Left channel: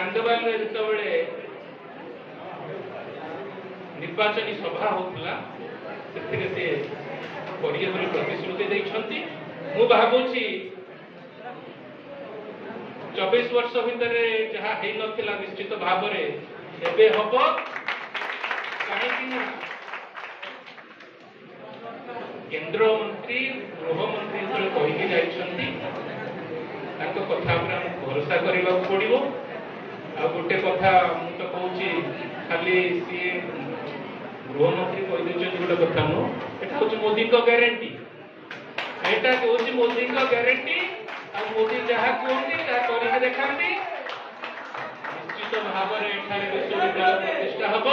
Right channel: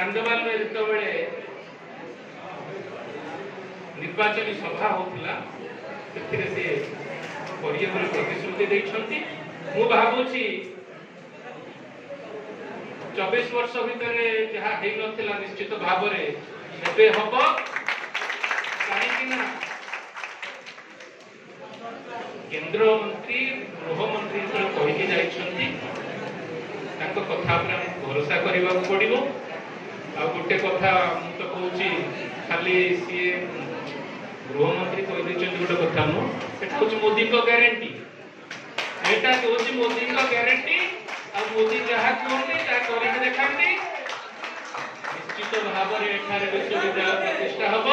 चांदबाल जिते निर्वाचन सभा होता प्रतिश्रुति मु भावुची 24 वर्ष भितर जहाँ नथिला निश्चित भाव में हम कहीं केंद्र मंत्री गृह मंत्री कही कथा भरोसा करने पड़ो आ गोटे कथा मुझे तो कहूँ खाली सी गृह मंत्री कही गोटे कथा नुह मोदी को गारंटी एटा कहूँ मोदी को गारंटी आ मोदी जहाँ कहते देखा निश्चित भाव में विश्वविद्यालय प्रतिष्ठा हम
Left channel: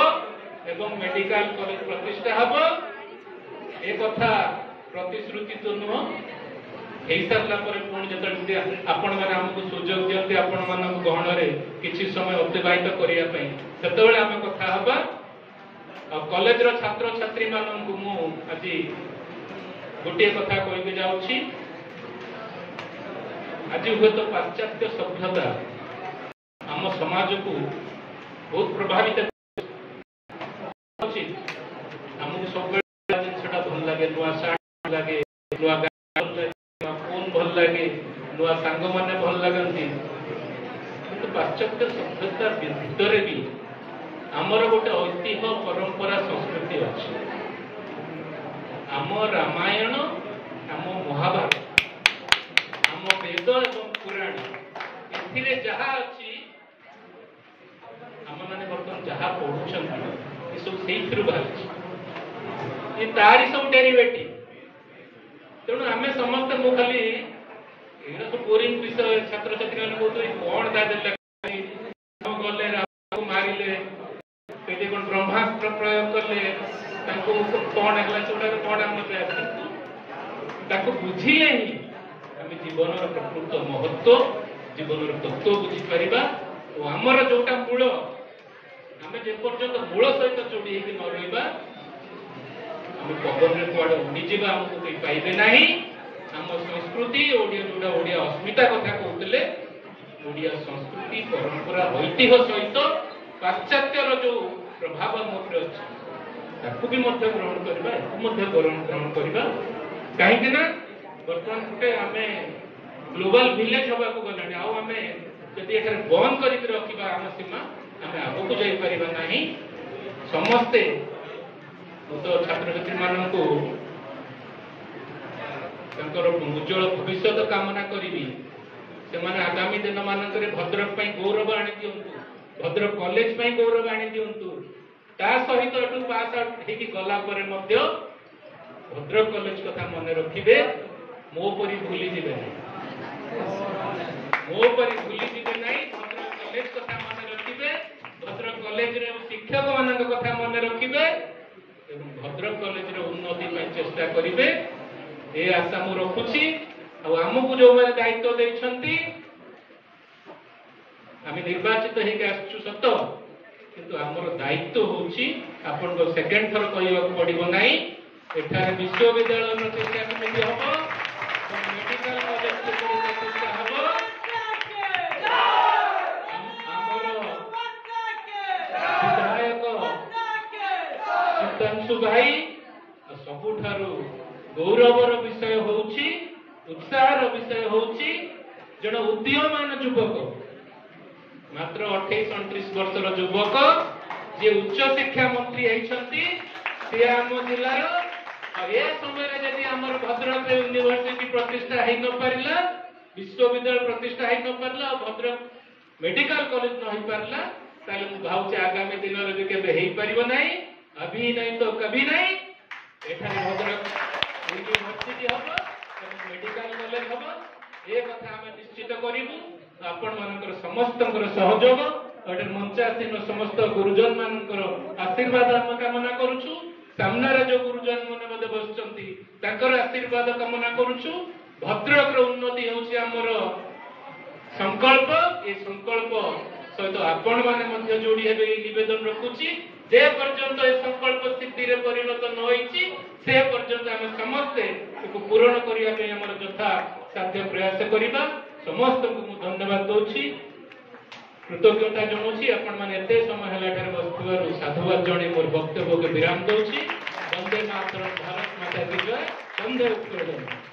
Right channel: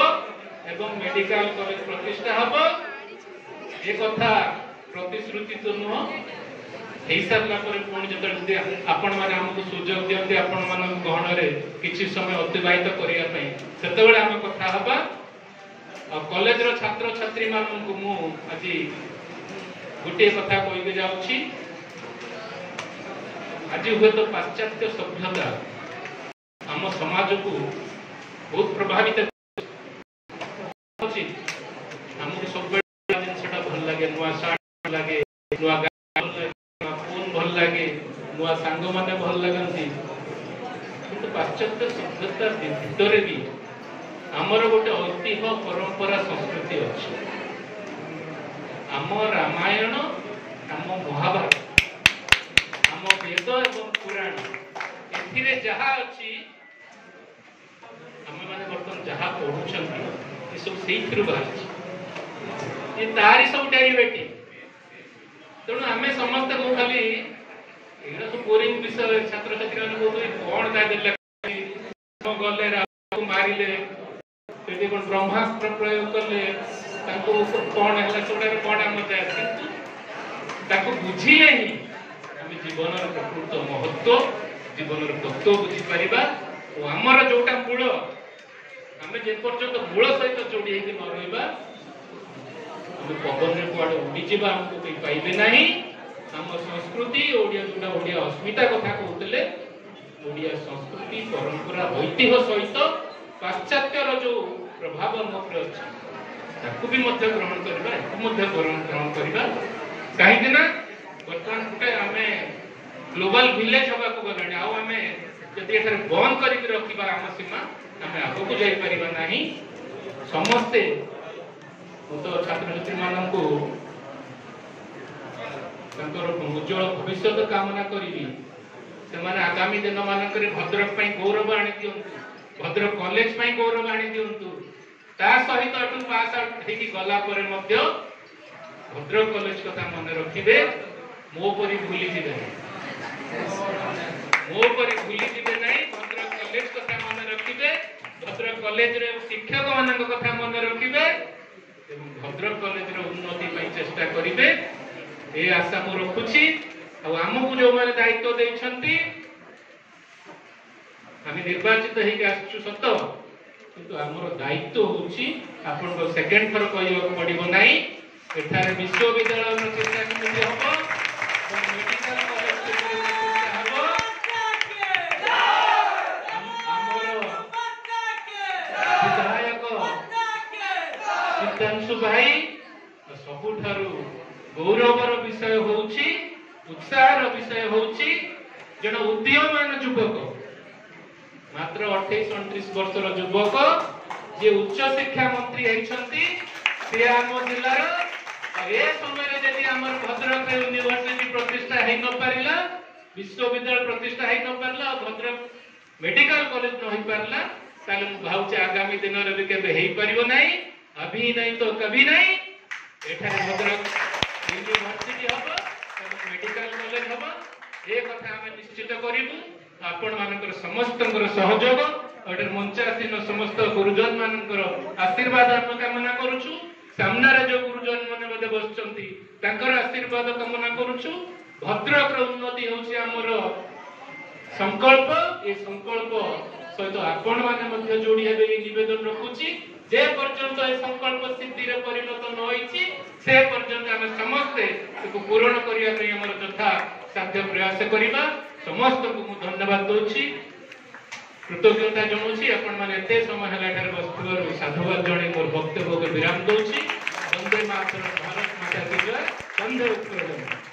एवं मेडिकल कॉलेज प्रतिष्ठा हम ए कथा प्रतिश्रुति तो नुह सारा पुणी जो आपण मैंने आमको सुजोग दिखती आपण मान गहन किसी समय अतिबाहित करने से आम कथा हवा कॉलेज छात्र छात्री मानू मुझे गोटे कथा कही जाऊँगी आज हुए तो पाश्चात्य सभ्यता आम समाज को बहुत प्रभावित आमको सब जिनसा भल लगे नुआ साड़ी लगे नुआ फोन भल लगे नुआ सांग मैंने भल लगती किंतु पाश्चात्य सभ्यता भितर भी आमर गोटे ऐतिह्य परंपरा संस्कृति अच्छी आम रामायण आम महाभारत आम वेद एवं पुराण ए जहा अच्छी आम मैंने बर्तमान जहाँ पढ़ुं सब से बाहरी तारी सब डेरिवेटिव तेणु आम समस्त मु खाली सब बोरिंग विषय छात्र छात्री कौन गले मारे कौन ब्रह्मास्त्र प्रयोग कले कौन है कौन आम बुझिले ही आम जीवन प्रकृत महत्व जीवन तत्व बुझीपर और आमर जोटा मूल आम जेपर्यंत मूल सहित जोड़ी न रहा पवन कौड़े उड़ीजा आमको कहीं पाइबे ना आम संस्कृति जोटा ओडिया अस्मिता कथा कहते ओडिया संस्कृति परंपरा ऐतिह्य सहित पाश्चात्य जो प्रभाव अच्छी भी ग्रहण ग्रहण करवा कहीं बर्तमान गोटे आम ग्लोबल विलेज हवा को गला आम जदि बंद कर रखा आम सीमा आम आगक जापर ना समस्ते तो छात्र छात्री मानू उज्जवल भविष्य कामना करी से आगामी दिन मानक भद्रक गौरव आनी दिंतु भद्रक कॉलेज गौरव आनी दिंतु ता सहित पास आउट गला भद्रक कॉलेज कथा मन रखिए मो परी भूली ना भद्रक कॉलेज कथा मन रखिए भद्रक कॉलेज शिक्षक मान कथा मन रखिए भद्रक कॉलेज उन्नति चेष्टा करेंगे ये आशा मु रखुची आमको जो मैंने दायित्व देते आम निर्वाचित हो सत किंतु आमर दायित्व हूँ सेकेंड थर कहवाक पड़ो ना एठार विश्वविद्यालय प्रतिष्ठा केମିତି हम मेडिकल कॉलेज प्रतिष्ठा हम सीतांशु भाई सबुठारु गौरवर विषय होउछि उत्साहर विषय होउछि जन उद्यमान युवक मात्र 28-29 वर्षर युवक जे उच्च शिक्षा मंत्री होइछंती से आम जिलार ए समय जदि हमर भद्रक यूनिवर्सिटी प्रतिष्ठा हेइ न पारिला विश्वविद्यालय प्रतिष्ठा हेइ न पारिला भद्रक मेडिकल कॉलेज न हेइ पारिला ताले मु भाउछि आगामी दिन रे केबे हेइ परिबो नाही अभी नहीं तो कभी नहीं एठारे भद्रक यूनिवर्सिटी हम मेडिकल कॉलेज हम ए कथा आम निश्चित करूँ आपण मानकर समस्त सहयोग और मंचासीन समस्त गुरुजन मानकर आशीर्वाद आम कामना करुचु सामने जो गुरुजन मैंने बसर आशीर्वाद कामना करुचु भद्रक उन्नति हूँ आमर संकल्प ये संकल्प सहित आपण मैंने जोड़ी नवेदन रखुची जे पर्यंत ए संकल्प सिद्धि रे परिणत न होईची से पर्यंत आम समस्ते पूरण करने यथा साध्य प्रयास करवा समस्त को धन्यवाद दूची कृतज्ञता जनाऊँगी आपण मैंने एत समय है बसुवर साधुवाद जन मोर वक्तव्य को विराम दूसरी। वंदे मातरम, भारत माता की जय, वंदे उत्कल।